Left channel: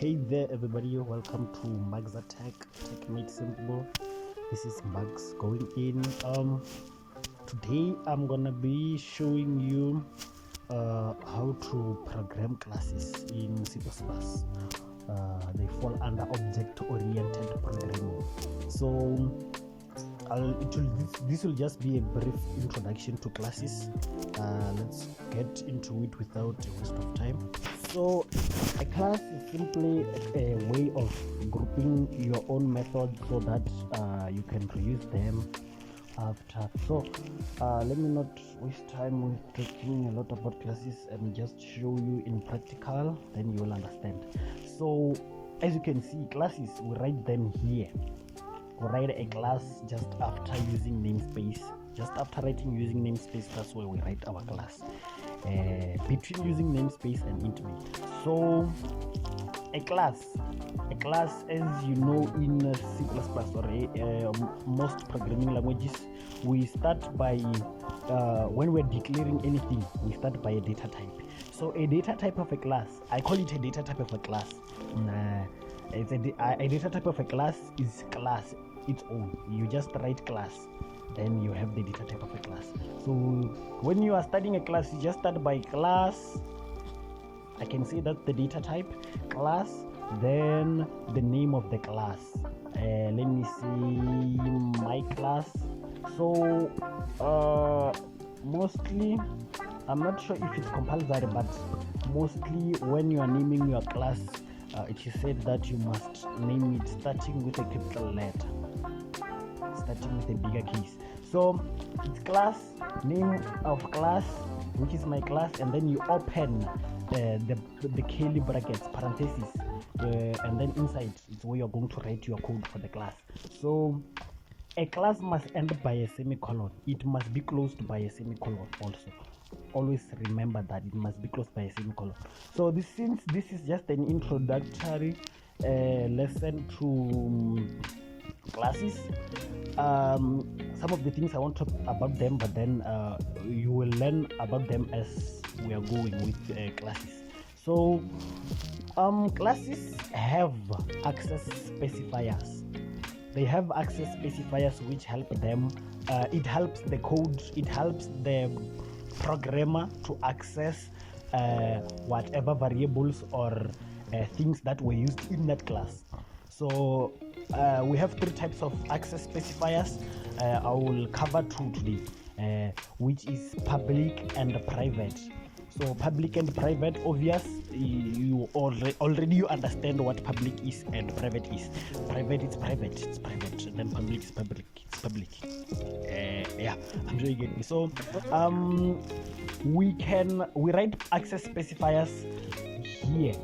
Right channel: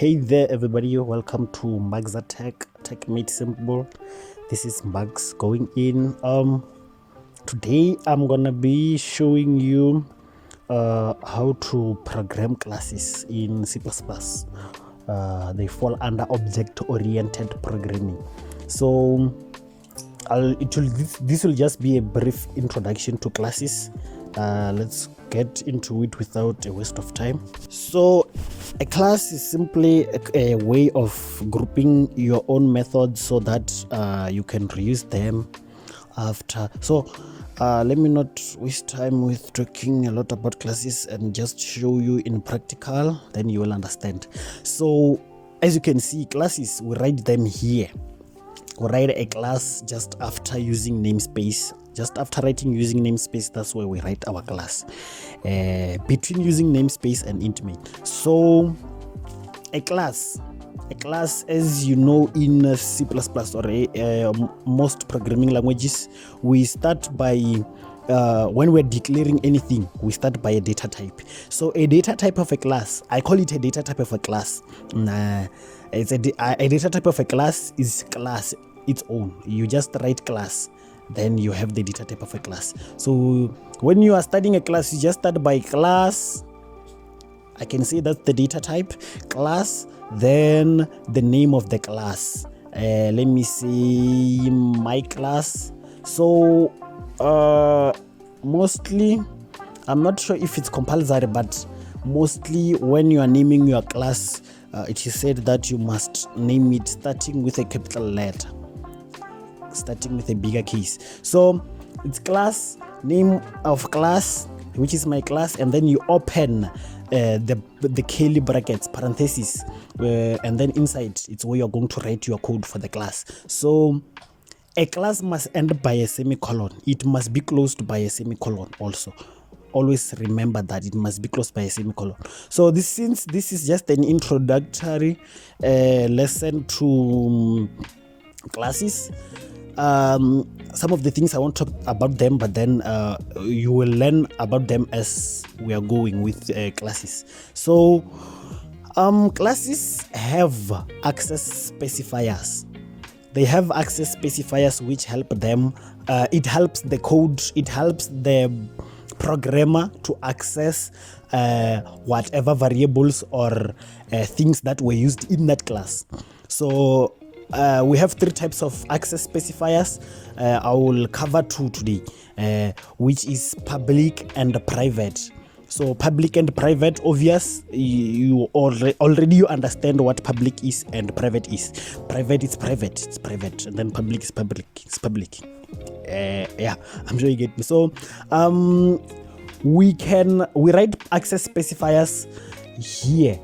Hey there, everybody. Welcome to Magza Tech Made Simple. This is Max going in. Today I'm gonna be showing you how to program classes in C++. They fall under object-oriented programming. So this will just be a brief introduction to classes. Let's get into it without a waste of time. So a class is simply a way of grouping your own methods so that you can reuse them after. So let me not waste time with talking a lot about classes and just show you in practical, then you will understand. So as you can see, classes, we write them here. We write a class just after using namespace. Just after writing using namespace, that's where we write our class. Between using namespace and int main. So a class, as you know, in C++ or most programming languages, we start by when we're declaring anything, we start by a data type. So a data type of a class, I call it a data type of a class. It's a data type of a class is class its own. You just write class, then you have the data type of a class. So when you are studying a class, you just start by class. I can say that's the data type, class, then the name of the class. Let me see, my class. So mostly, I'm not sure if it's compulsory, but mostly when you are naming your class, it is said that you must name it starting with a capital letter, starting with a bigger case. So it's class, name of class, which is my class, and then you open the curly brackets, parentheses, and then inside it's where you're going to write your code for the class. So a class must end by a semicolon. It must be closed by a semicolon also. Always remember that it must be closed by a semicolon. So since this is just an introductory lesson to classes, some of the things I won't talk about them, but then you will learn about them as we are going with classes. So classes have access specifiers. They have access specifiers which help them. It helps the code, it helps the programmer to access whatever variables or things that were used in that class. So we have three types of access specifiers. I will cover two today, which is public and private. So public and private, obvious, you already you understand what public is and private is. Private is private, it's private, and then public is public, it's public. Yeah, I'm sure you get me. So we write access specifiers here.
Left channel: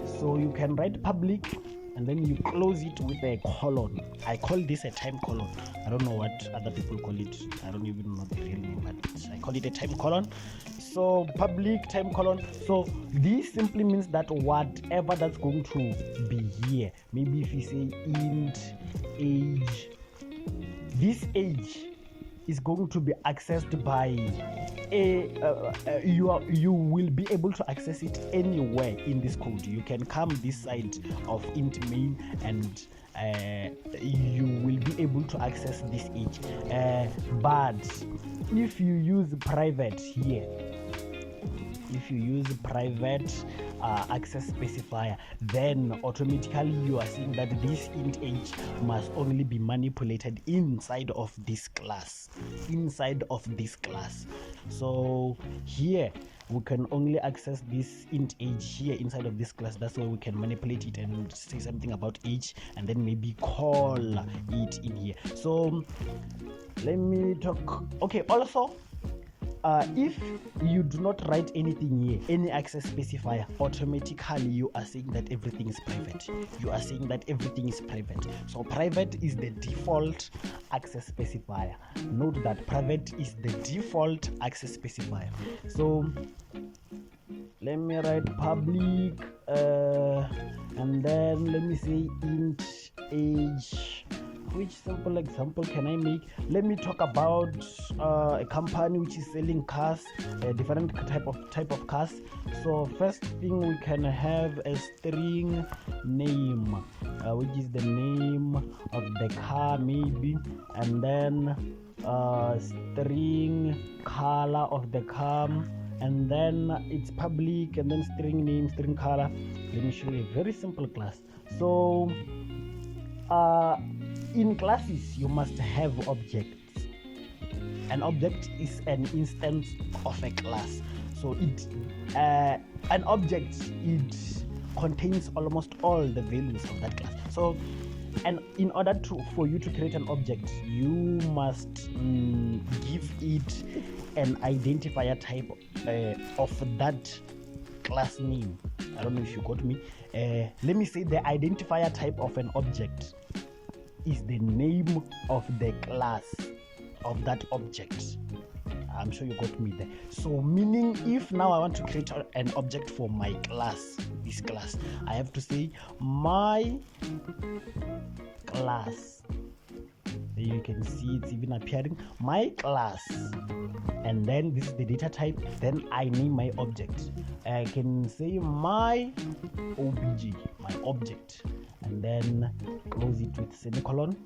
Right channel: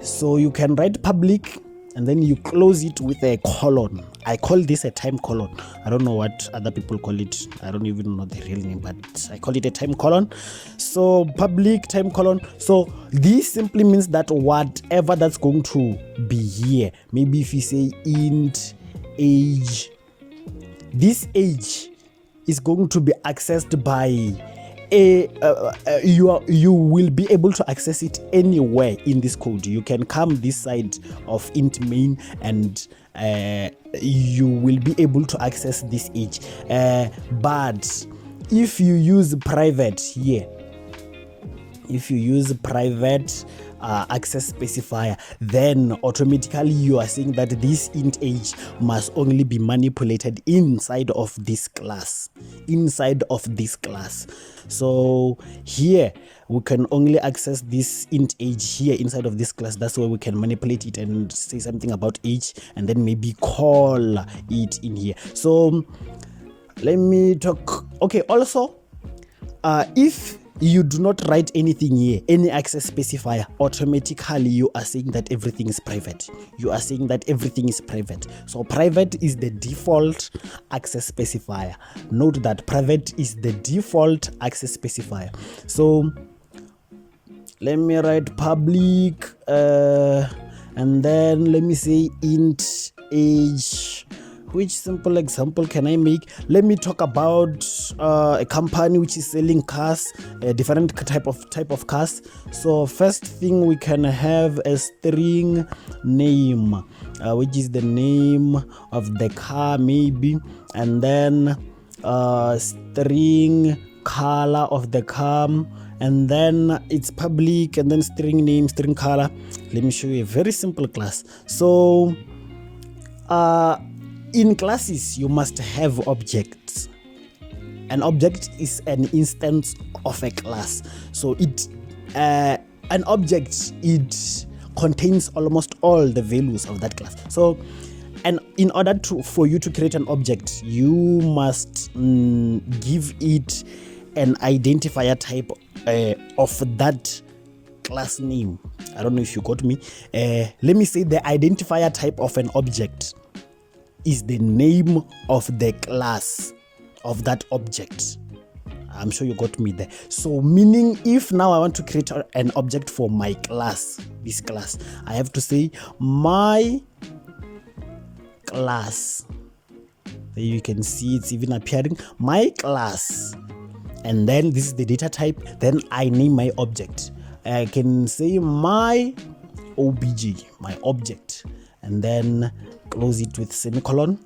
So you can write public and then you close it with a colon. I call this a time colon. I don't know what other people call it. I don't even know the real name, but I call it a time colon. So public time colon. So this simply means that whatever that's going to be here, maybe if you say int age, this age is going to be accessed by you will be able to access it anywhere in this code. You can come this side of int main and you will be able to access this age. But if you use private here, if you use private access specifier, then automatically you are saying that this int age must only be manipulated inside of this class. So here we can only access this int age here inside of this class. That's where we can manipulate it and say something about age and then maybe call it in here. So let me talk. Okay, also if you do not write anything here, any access specifier, automatically you are saying that everything is private. So private is the default access specifier. Note that private is the default access specifier. So let me write public and then let me say int age which simple example can I make? Let me talk about a company which is selling cars, a different type of cars. So first thing, we can have a string name, which is the name of the car maybe, and then string color of the car, and then it's public, and then string name, string color. Let me show you a very simple class. So in classes you must have objects. An object is an instance of a class. So an object, it contains almost all the values of that class. So, and in order for you to create an object, you must give it an identifier type of that class name. I don't know if you got me. Let me say the identifier type of an object is the name of the class of that object. I'm sure you got me there. So meaning, if now I want to create an object for my class, this class, I have to say my class. There you can see it's even appearing, my class, and then this is the data type. Then I name my object. I can say my obj, my object, and then close it with semicolon.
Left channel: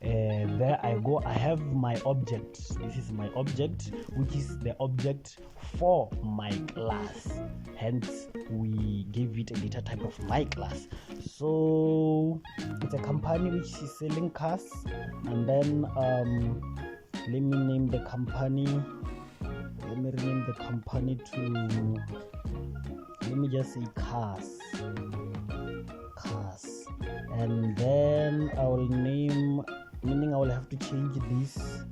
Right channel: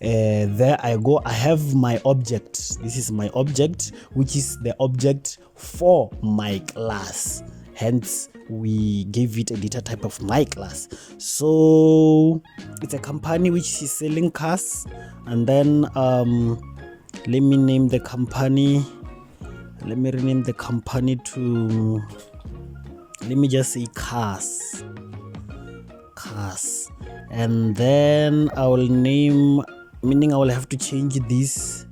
There I go, I have my object. This is my object, which is the object for my class. Hence, we gave it a data type of my class. So it's a company which is selling cars, and then let me name the company. Let me rename the company to, let me just say cars. And then I will name, meaning I will have to change this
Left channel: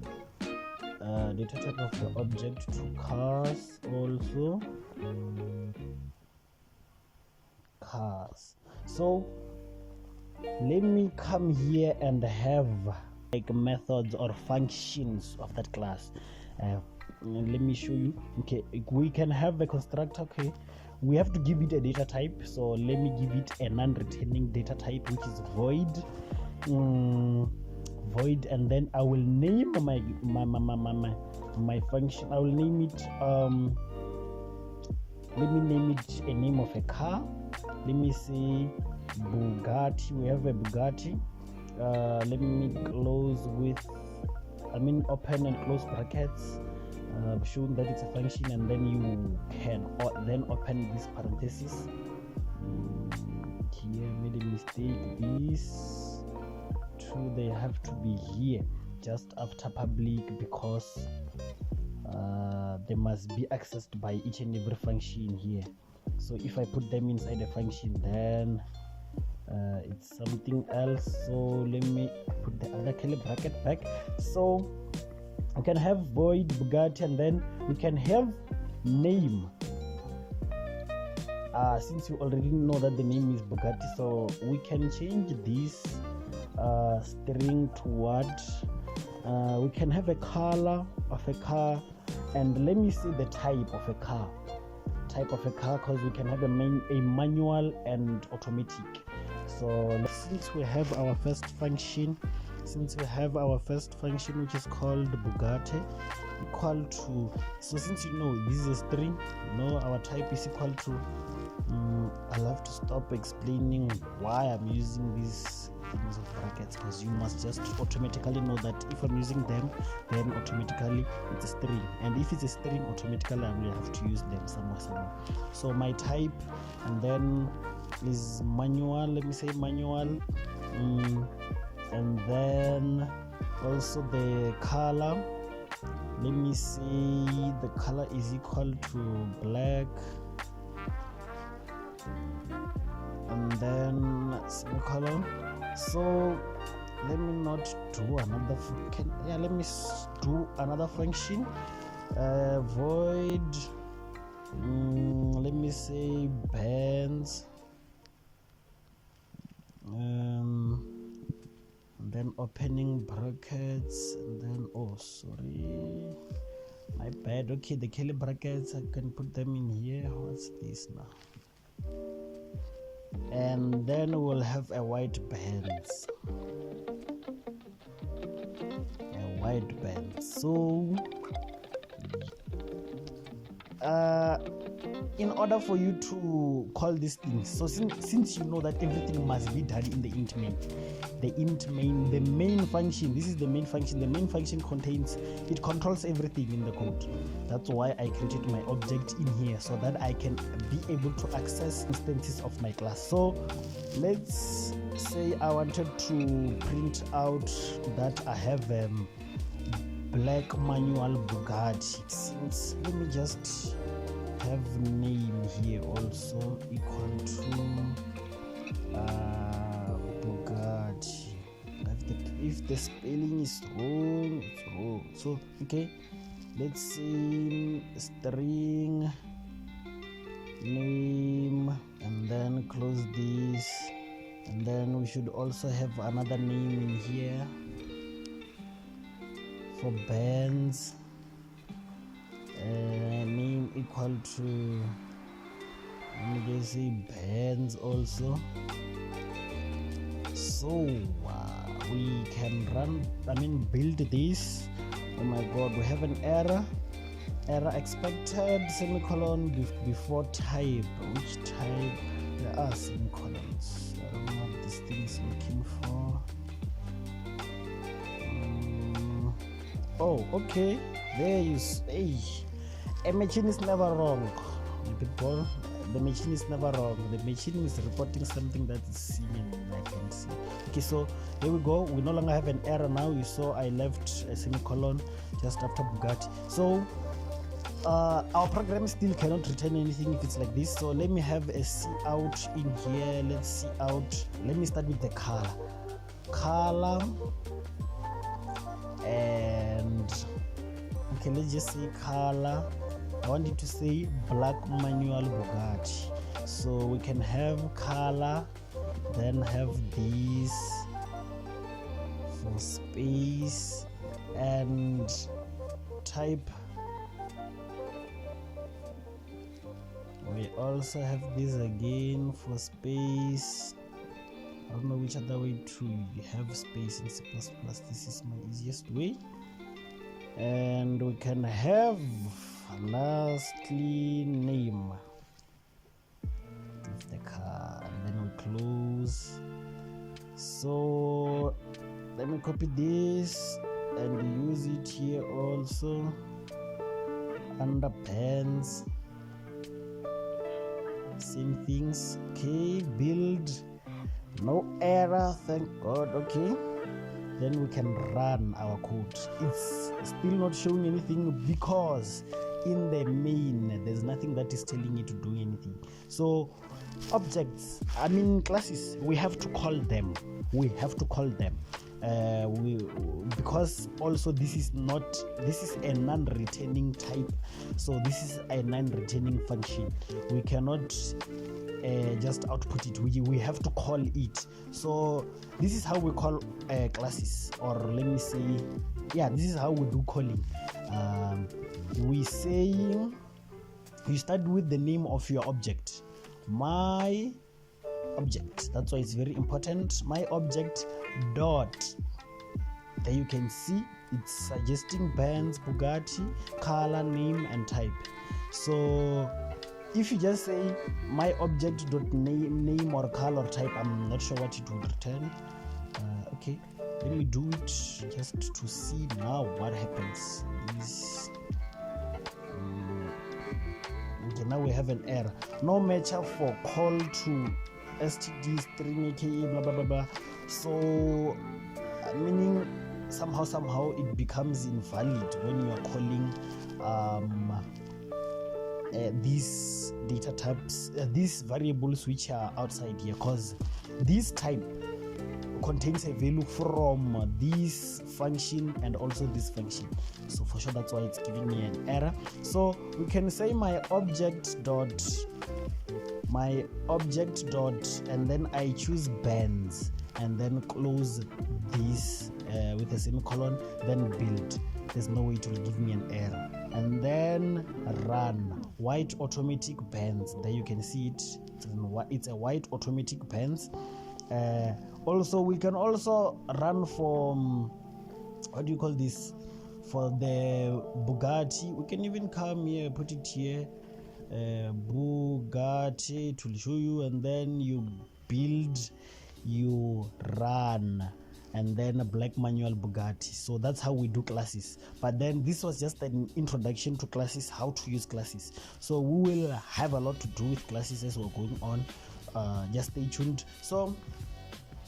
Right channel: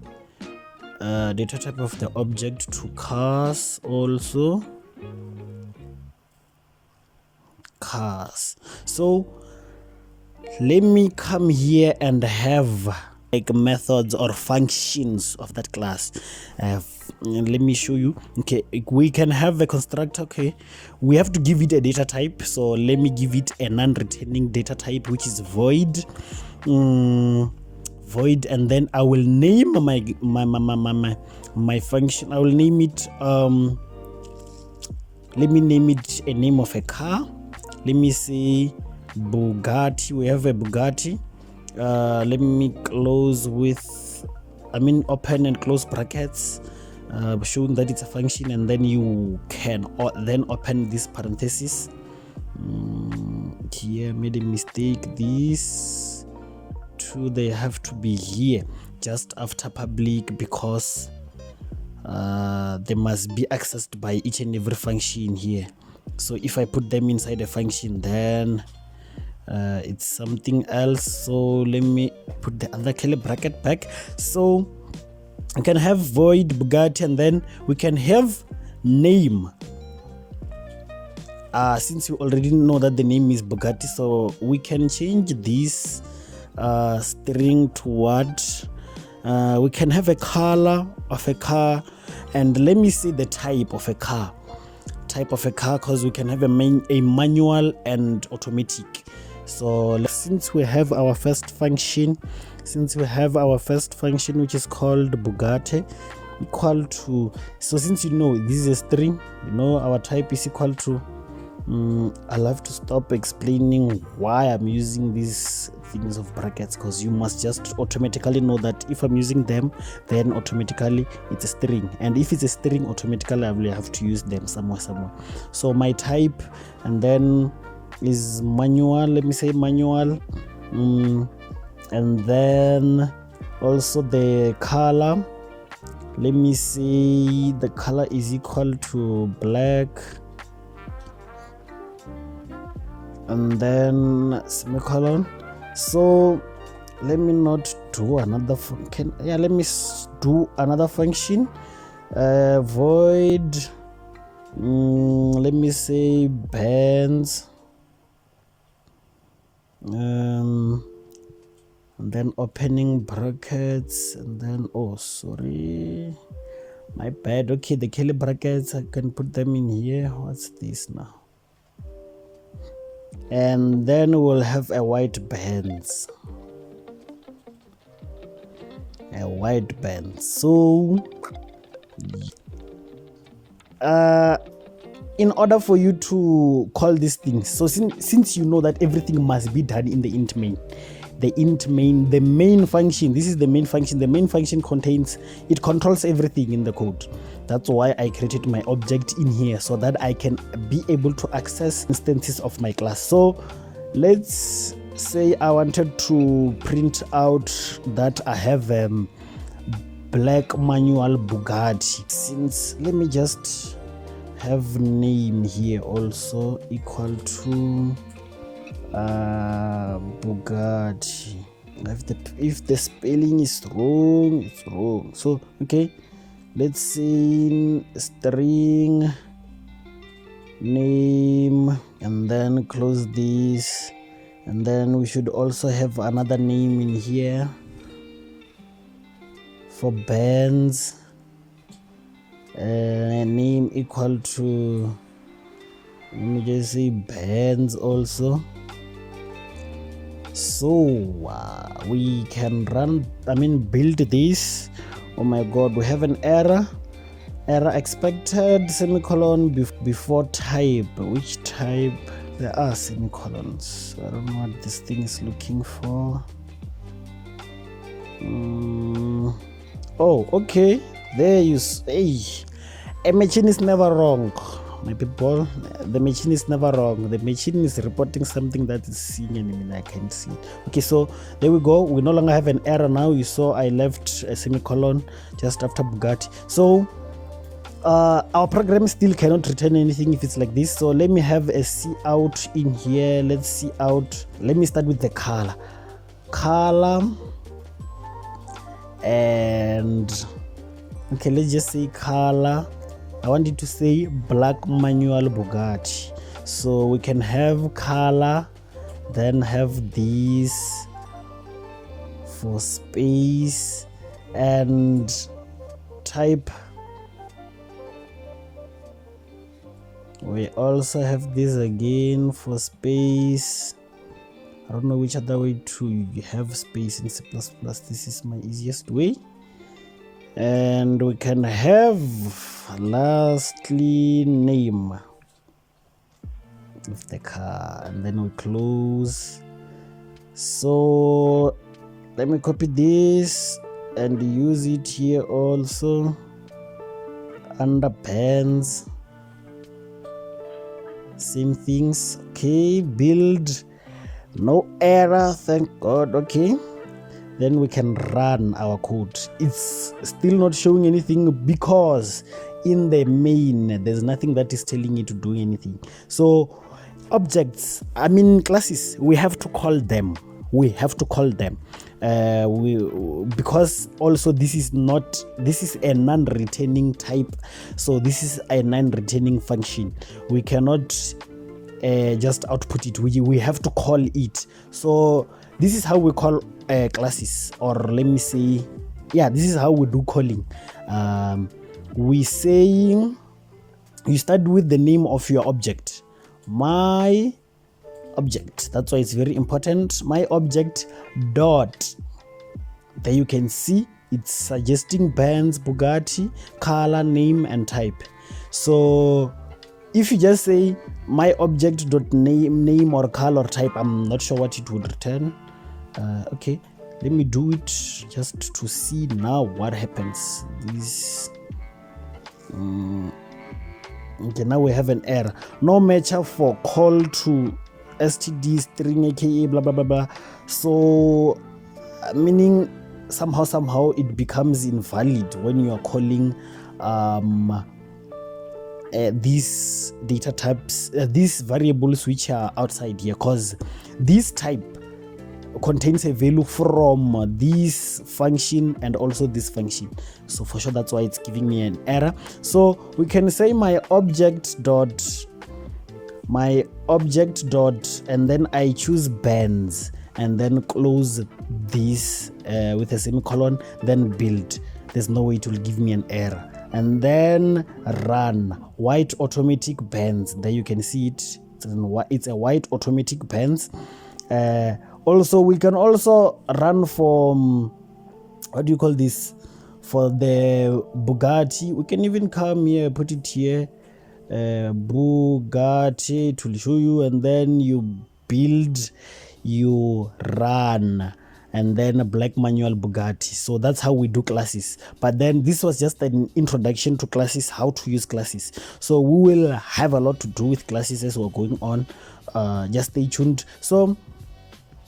data type of the object to cars also. Cars. So let me come here and have like methods or functions of that class. Let me show you. Okay, we can have a constructor. Okay, we have to give it a data type. So let me give it a non-returning data type, which is void. Void, and then I will name my function. I will name it let me name it a name of a car. Let me say Bugatti. We have a Bugatti. Let me close with, open and close brackets, showing that it's a function, and then you can then open this parenthesis. Here made a mistake. These two, they have to be here just after public, because they must be accessed by each and every function here. So if I put them inside a function, then it's something else. So let me put the other curly bracket back. So we can have void Bugatti, and then we can have name. Since you already know that the name is Bugatti, so we can change this string to what? We can have a color of a car, and let me see the type of a car. Because we can have a manual and automatic. So since we have our first function, which is called Bugatti, equal to, so since you know this is a string, you know our type is equal to, I'll have to stop explaining why I'm using these things of brackets, because you must just automatically know that if I'm using them, then automatically it's a string, and if it's a string, automatically I will have to use them somewhere. So my type, and then is manual. Let me say manual, and then also the color. Let me say the color is equal to black, and then semicolon. So let me not do another function. Let me do another function. Void, let me say bands, and then opening brackets, and then, oh sorry, my bad. Okay, the curly brackets, I can put them in here. What's this now? And then we'll have a white bands. wide bands. So in order for you to call these things, so since you know that everything must be done in the int main, the main function, this is the main function. The main function it controls everything in the code. That's why I created my object in here, so that I can be able to access instances of my class. So let's say I wanted to print out that I have black manual Bugatti. Since let me just have name here also equal to Bugatti. If the spelling is wrong, it's wrong. So okay, let's say string name and then close this, and then we should also have another name in here for bands, name equal to, let me just say bands also. So we can build this. Oh my god, we have an error expected semicolon before type. Which type? There are semicolons. I don't know what this thing is looking for. Oh, okay, there you say. A machine is never wrong, my people. The machine is never wrong. The machine is reporting something that is seen and I can see. Okay, so there we go. We no longer have an error now. You saw I left a semicolon just after Bugatti. So our program still cannot return anything if it's like this. So let me have a cout in here. Let's see out. Let me start with the color, and okay, let's just say color. I want it to say black manual Bugatti. So we can have color, then have this for space, and type. We also have this again for space. I don't know which other way to have space in C++. This is my easiest way. And we can have lastly name of the car, and then we close. So let me copy this and use it here also under pens. Same things. Okay, build, no error, thank god. Okay, then we can run our code. It's still not showing anything because in the main there's nothing that is telling it to do anything. So objects, classes, we have to call them. Because also this is a non-returning type, so this is a non-returning function. We cannot just output it. We have to call it. So this is how we call classes, or let me say, this is how we do calling. We say you start with the name of your object. My object, that's why it's very important. My object dot, there you can see it's suggesting bands, Bugatti, color, name, and type. So if you just say my object dot name or color type, I'm not sure what it would return. Okay, let me do it just to see now what happens. This okay, now we have an error. No matcher for call to std string aka blah blah blah blah. So meaning somehow it becomes invalid when you are calling these data types, these variables which are outside here, because this type contains a value from this function and also this function. So for sure that's why it's giving me an error. So we can say my object dot, and then I choose bands, and then close this with a semicolon, then build. There's no way it will give me an error. And then run white automatic bands. There you can see it. It's a white automatic bands. Also we can also run from what do you call this, for the Bugatti. We can even come here, put it here, Bugatti, it will show you, and then you build, you run, and then a black manual Bugatti. So that's how we do classes. But then this was just an introduction to classes, how to use classes. So we will have a lot to do with classes as we're going on. Just stay tuned. So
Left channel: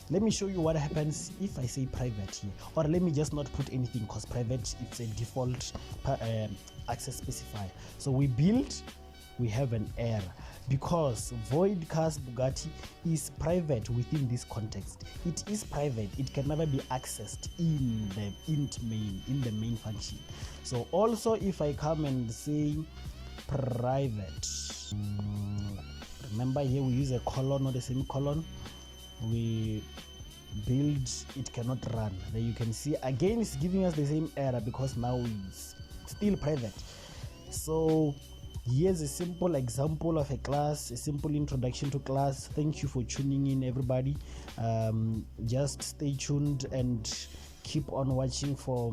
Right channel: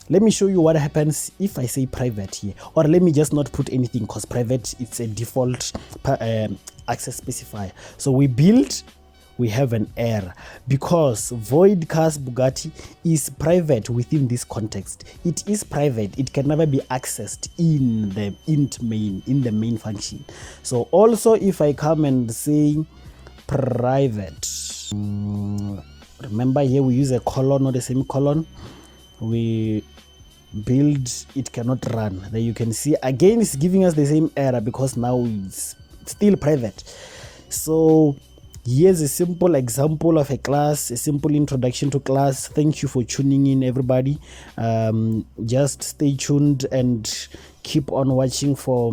let me show you what happens if I say private here, or let me just not put anything, because private, it's a default access specifier. So we build, we have an error because void cars Bugatti is private within this context. It is private, it can never be accessed in the int main, in the main function. So also if I come and say private, remember here we use a colon or a semicolon, we build, it cannot run. There you can see again it's giving us the same error because now it's still private. So here's a simple example of a class, a simple introduction to class. Thank you for tuning in, everybody. Just stay tuned and keep on watching for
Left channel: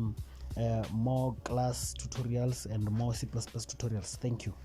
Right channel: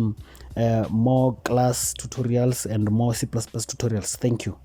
more class tutorials and more C++ tutorials. Thank you.